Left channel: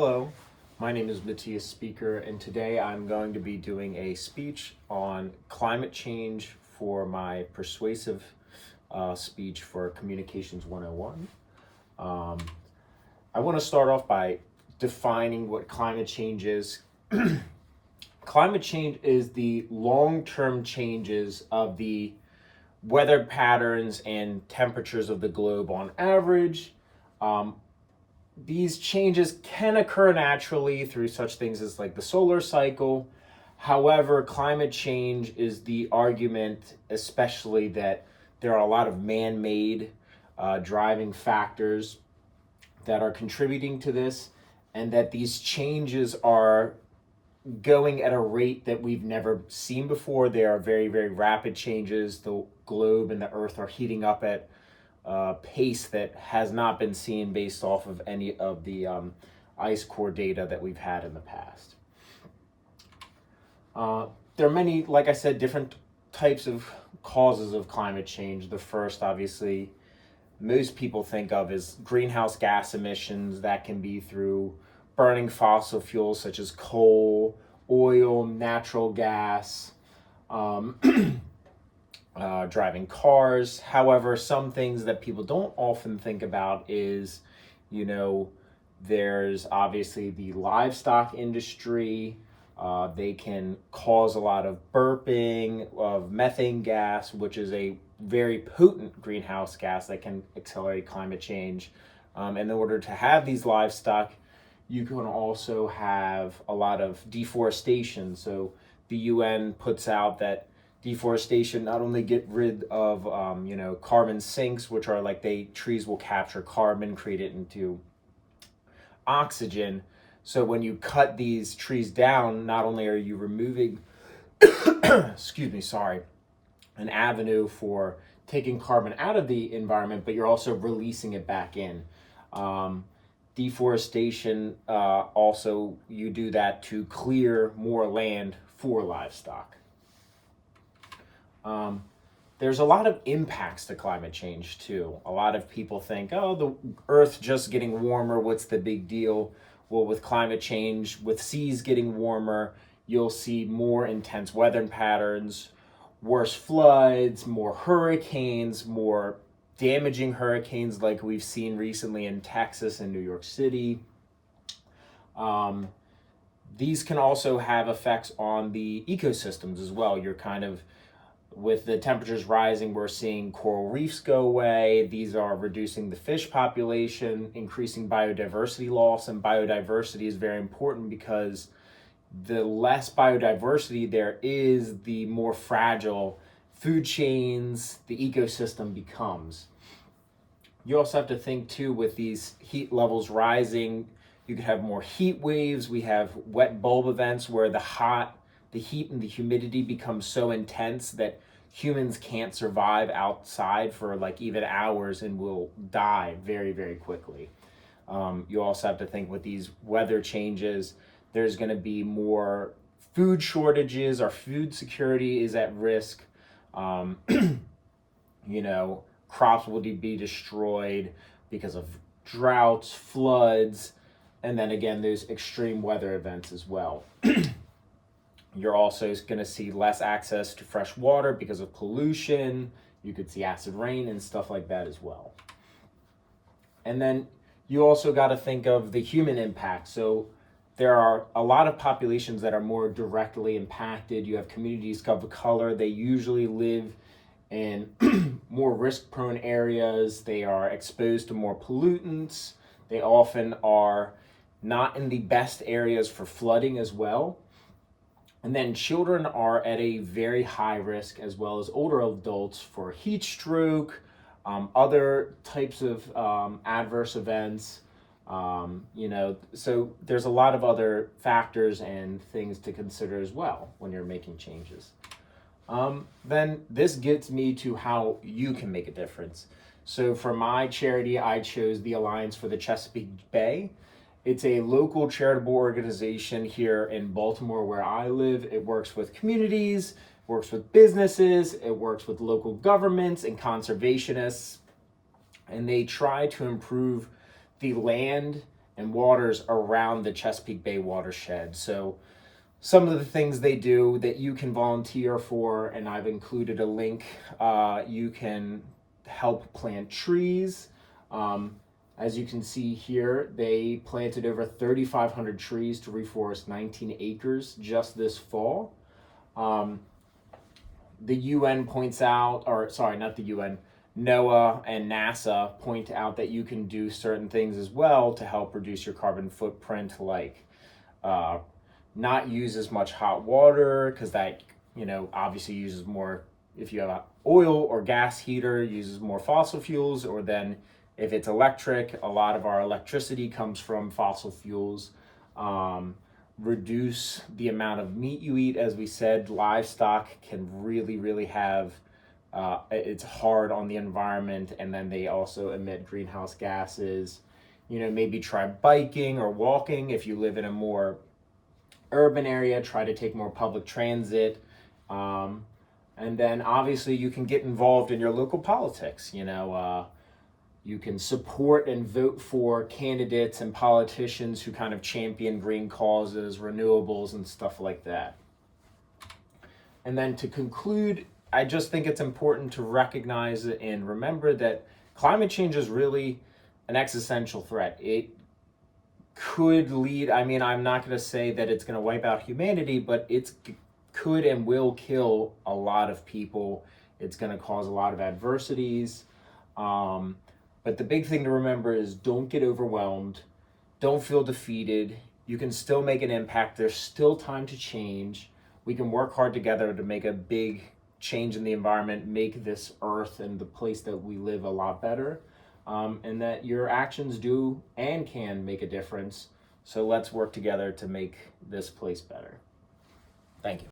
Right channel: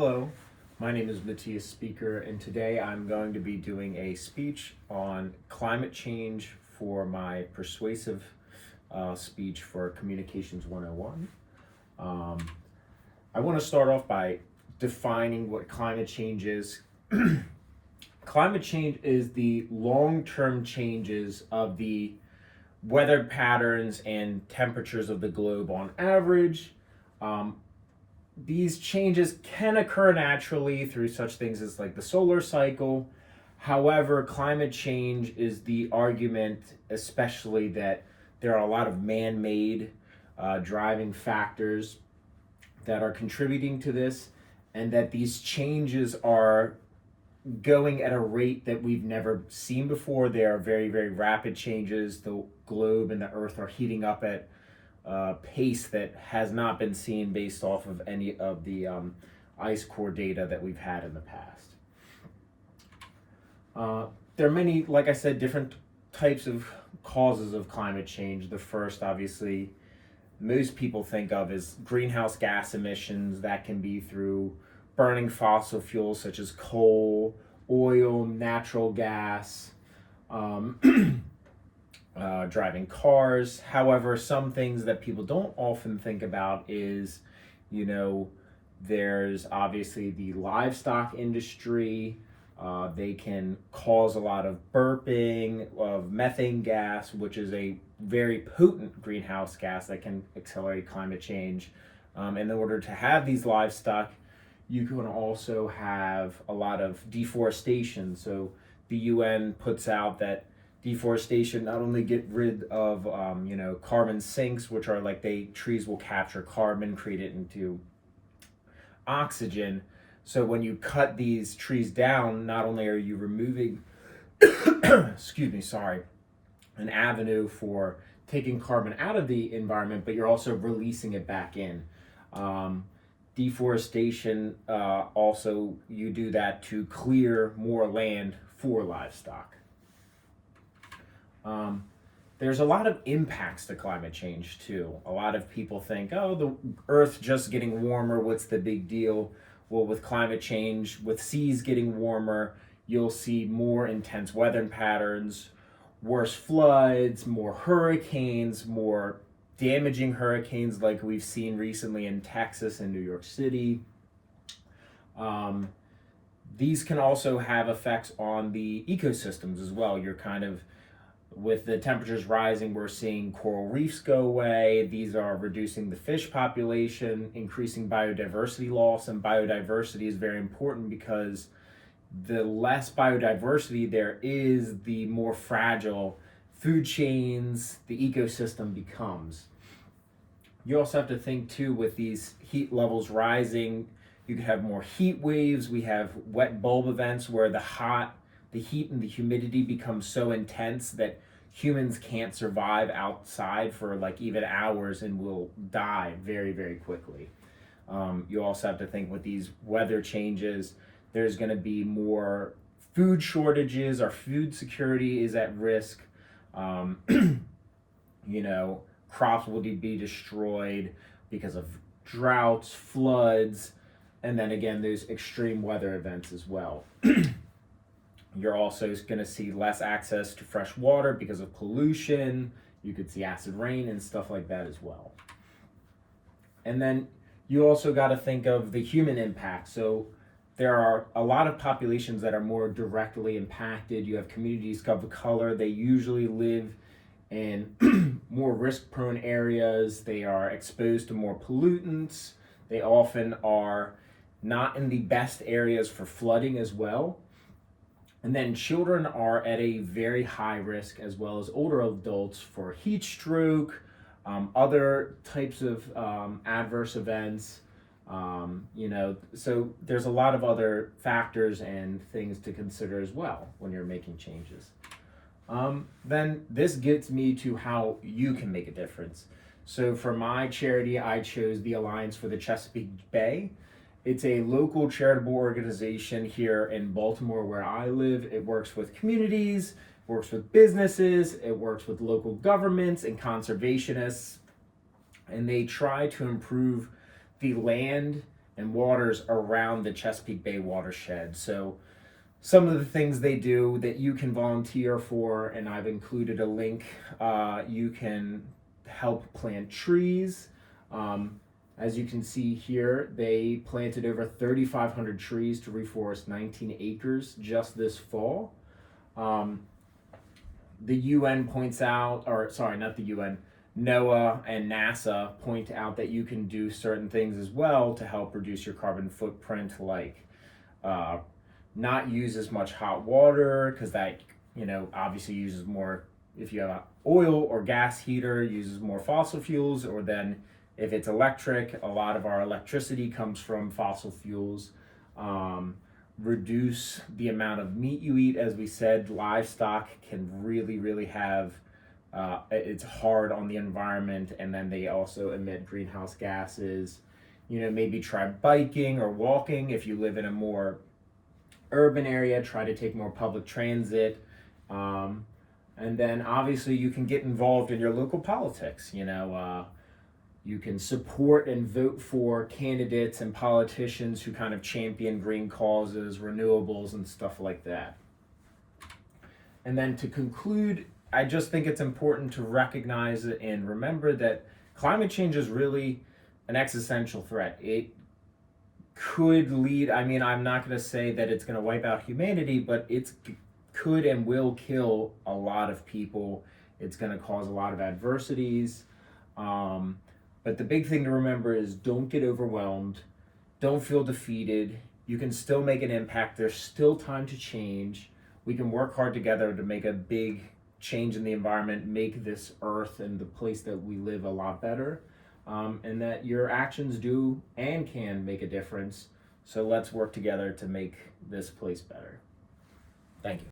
Hello, my name is Matthias Speaker, and today I'm going to be doing a speech on climate change for my persuasive speech for Communications 101. I want to start off by defining what climate change is. Climate change is the long-term changes of the weather patterns and temperatures of the globe on average. These changes can occur naturally through such things as like the solar cycle. However, climate change is the argument, especially that there are a lot of man-made driving factors that are contributing to this, and that these changes are going at a rate that we've never seen before. They are very, very rapid changes. The globe and the earth are heating up at pace that has not been seen based off of any of the ice core data that we've had in the past. There are many, like I said, different types of causes of climate change. The first, obviously, most people think of is greenhouse gas emissions. That can be through burning fossil fuels such as coal, oil, natural gas, driving cars. However, some things that people don't often think about is, there's obviously the livestock industry. They can cause a lot of burping of methane gas, which is a very potent greenhouse gas that can accelerate climate change. And in order to have these livestock, you can also have a lot of deforestation. So the UN puts out that deforestation not only get rid of carbon sinks, which are like trees will capture carbon, create it into oxygen. So when you cut these trees down, not only are you removing an avenue for taking carbon out of the environment, but you're also releasing it back in. Deforestation, also you do that to clear more land for livestock. There's a lot of impacts to climate change too. A lot of people think, oh, the Earth's just getting warmer, what's the big deal? Well, with climate change, with seas getting warmer, you'll see more intense weather patterns, worse floods, more hurricanes, more damaging hurricanes like we've seen recently in Texas and New York City. These can also have effects on the ecosystems as well. With the temperatures rising, we're seeing coral reefs go away. These are reducing the fish population, increasing biodiversity loss, and biodiversity is very important because the less biodiversity there is, the more fragile food chains, the ecosystem becomes. You also have to think too, with these heat levels rising, you could have more heat waves. We have wet bulb events where the heat and the humidity becomes so intense that humans can't survive outside for like even hours and will die very, very quickly. You also have to think with these weather changes, there's going to be more food shortages. Our food security is at risk. Crops will be destroyed because of droughts, floods, and then again, there's extreme weather events as well. You're also going to see less access to fresh water because of pollution. You could see acid rain and stuff like that as well. And then you also got to think of the human impact. So there are a lot of populations that are more directly impacted. You have communities of color. They usually live in more risk-prone areas. They are exposed to more pollutants. They often are not in the best areas for flooding as well. And then children are at a very high risk, as well as older adults, for heat stroke, other types of adverse events. So there's a lot of other factors and things to consider as well when you're making changes. Then this gets me to how you can make a difference. So for my charity, I chose the Alliance for the Chesapeake Bay. It's a local charitable organization here in Baltimore where I live. It works with communities, works with businesses, it works with local governments and conservationists, and they try to improve the land and waters around the Chesapeake Bay watershed. So some of the things they do that you can volunteer for, and I've included a link. You can help plant trees. As you can see here, they planted over 3,500 trees to reforest 19 acres just this fall. The UN points out, or sorry, not the UN, NOAA and NASA point out that you can do certain things as well to help reduce your carbon footprint, like not use as much hot water, because that, obviously uses more. If you have an oil or gas heater, uses more fossil fuels, or then if it's electric, a lot of our electricity comes from fossil fuels. Reduce the amount of meat you eat. As we said, livestock can really have, it's hard on the environment, and then they also emit greenhouse gases. Maybe try biking or walking. If you live in a more urban area, try to take more public transit. And then obviously you can get involved in your local politics. You can support and vote for candidates and politicians who kind of champion green causes, renewables, and stuff like that. And then to conclude, I just think it's important to recognize and remember that climate change is really an existential threat. It could lead, I'm not going to say that it's going to wipe out humanity, but it could and will kill a lot of people. It's going to cause a lot of adversities. But the big thing to remember is don't get overwhelmed. Don't feel defeated. You can still make an impact. There's still time to change. We can work hard together to make a big change in the environment, make this earth and the place that we live a lot better. And that your actions do and can make a difference. So let's work together to make this place better. Thank you.